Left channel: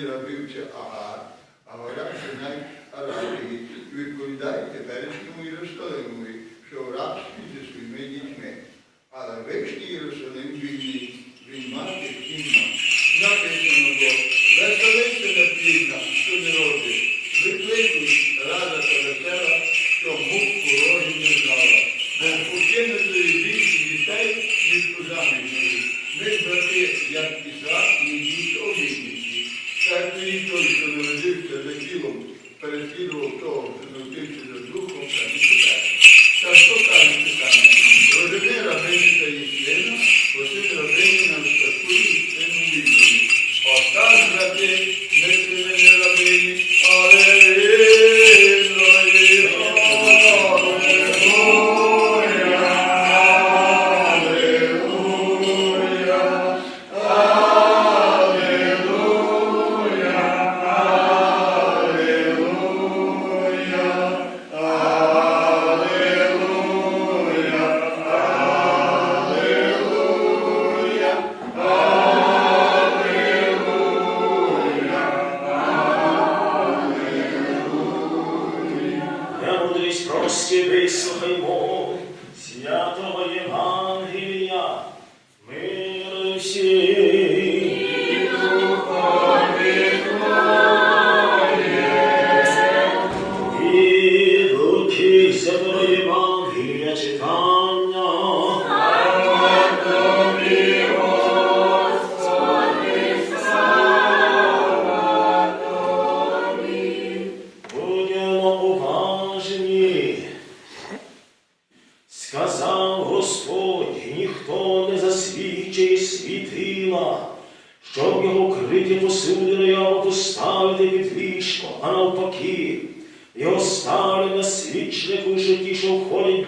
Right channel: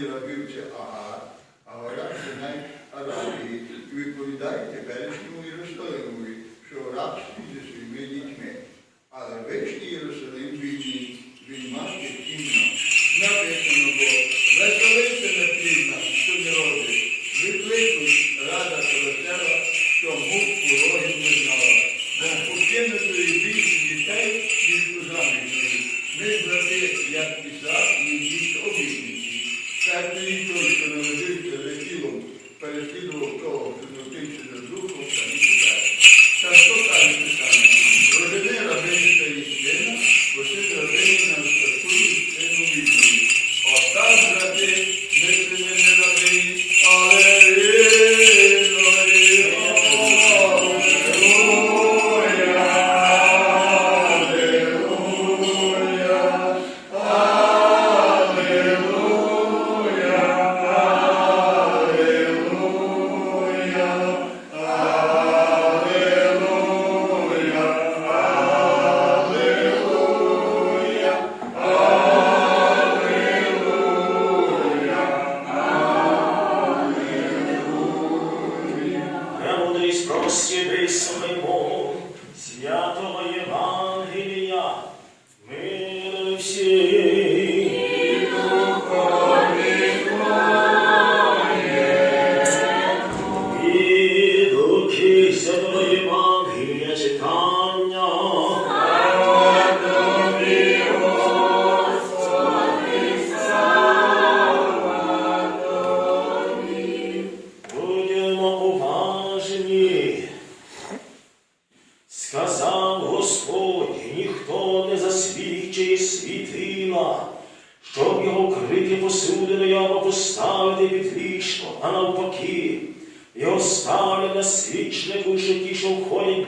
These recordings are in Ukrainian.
це Агар, а гора Синай Аравії. І відповідає теперішньому Єрусалимові, що рабстві зі своїми дітьми. Але вишній Єрусалим вільний, він має кінно. Написано бо, веселиться на плідна, що не родить. Викликуй рада та весела, що мук порогів не знала. Бо покинутої більше дітей, ніж у заміжної. Ми, брати, як і. Так і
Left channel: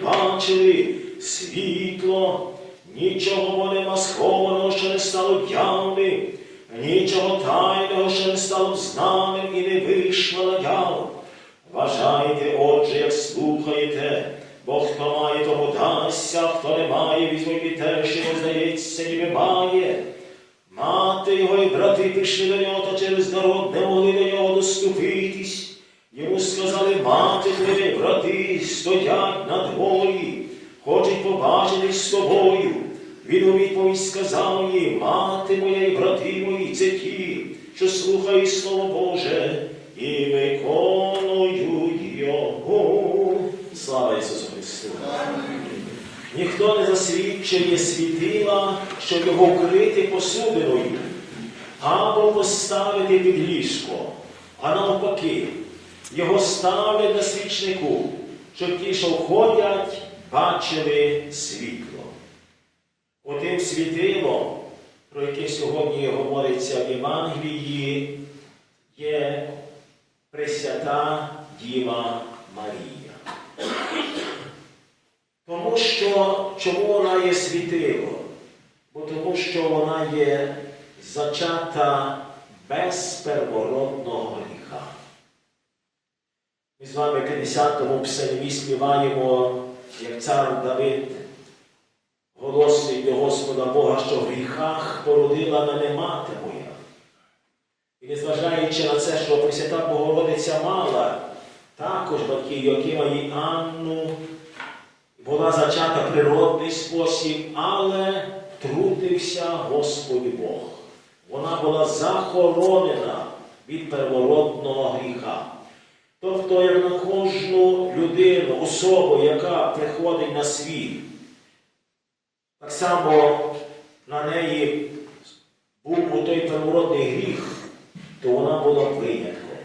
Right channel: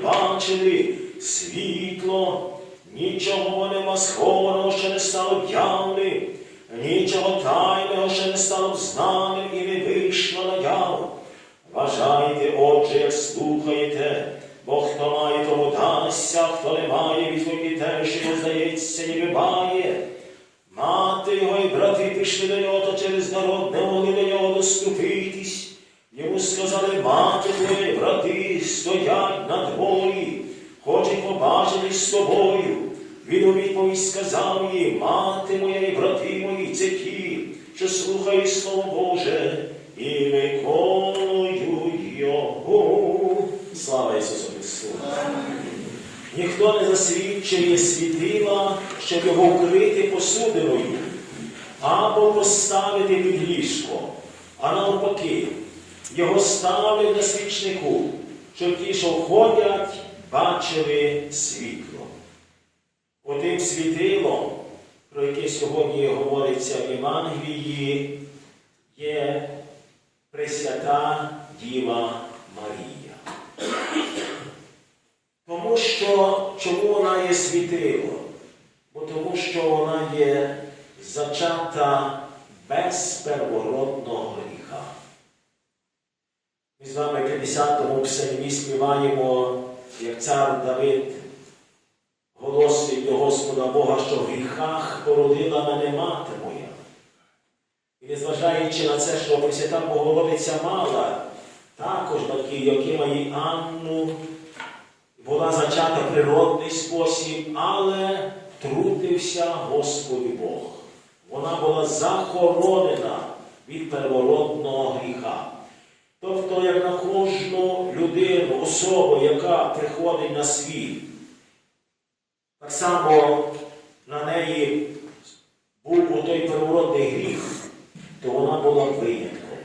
бачили світло, нічого нема схованого, що не стало явним, нічого тайного, що не стало знаним і не вийшло на яву. Вважайте, отже, як слухаєте, бо хто має, тому дасться, хто не має, візьме і те, що здається, ніби має. Мати його і брати прийшли до нього, та через народ не могли до нього доступитись. Йому сказали, мати твої, брати, стоять Він у відповідь сказав їй, мати моя і брати мої, це ті, що слухають Слово Боже і виконують його. Слава Ісусу Христу! Ніхто не засвідчує світила, щоб його вкрити посудиною, або поставити під ліжко, а навпаки, його ставлять на свічнику, щоб ті, що входять, бачили світло. Отим світилом, про яке сьогодні говориться в Євангелії, є Пресвята Діва Марія. Тому що чому вона є світило? Бо тому що вона є зачата без первородного гріха. Ми з вами в 50-му псалмі співаємо, як цар Давид Господа Бога, що в гріхах породила мене мати моя. І незважаючи на це, що Пресвята Богородиця мала також батьки Йокима і Анну, була зачата природний спосіб, але трудився Господь Бог. Вона була захоронена від первородного гріха. Тобто, як на кожну людину, особу, яка приходить на світ, так само на неї був той первородний гріх, то вона була винятком,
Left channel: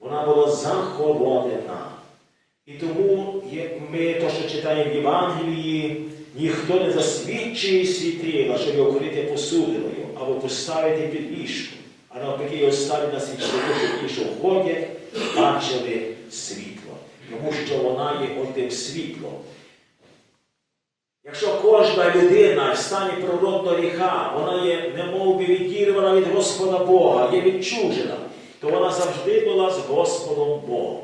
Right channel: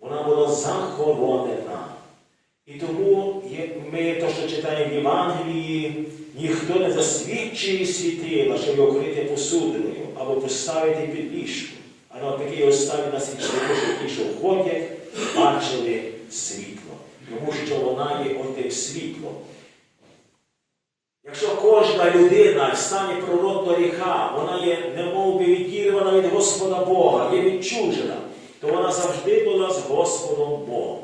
вона була захоронена. І тому як ми то, що читаємо в Євангелії, ніхто не засвідчує світила, щоб його крити посудиною або поставити під ліжко, а навпаки його ставить на світло, щоб ті, що входять, бачили світло, тому що вона є отим світлом. Кожна людина в стані природного гріха, вона є немов би відірвана від Господа Бога, є відчужена, то вона завжди була з Господом Богом.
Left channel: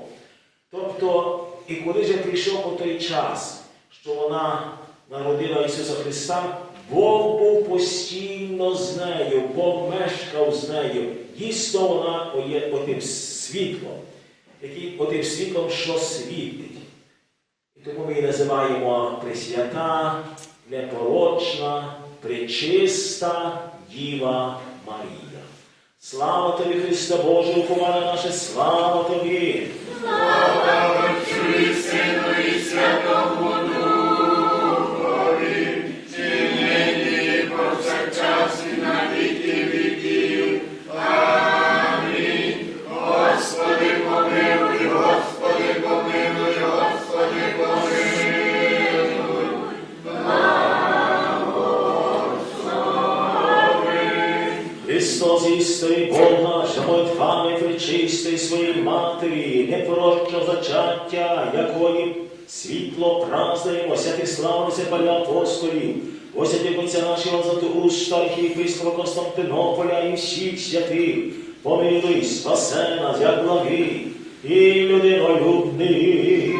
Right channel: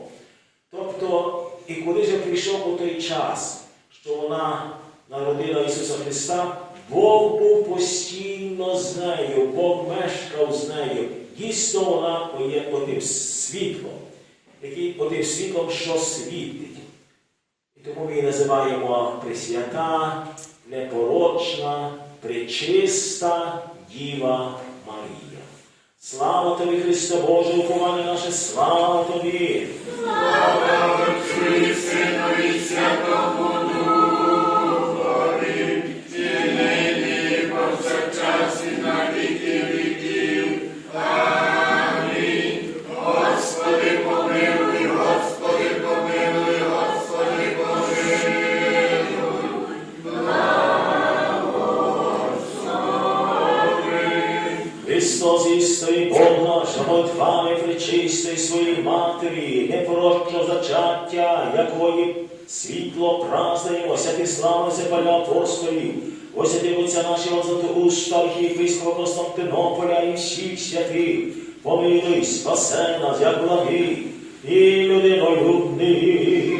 Тобто, і коли вже прийшов по той час, що вона народила Ісуса Христа, Бог був постійно з нею, Бог мешкав з нею. Дійсно, вона є отим світлом, який отим світлом, що світить. І тому ми її називаємо Пресвята, непорочна, пречиста Діва Марія. Слава тобі, Христе Боже, уповання наше, слава тобі! Христос жамотвами своїй матері, непорочного зачаття, якої світло празднуємо, святи славися паля апостолів, осяти Отця нашого Златоуста, архієпископа Константинополя і всіх святих, помилуй, спасе нас, як благи, і людинолюбний.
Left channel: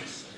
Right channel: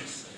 Jesus.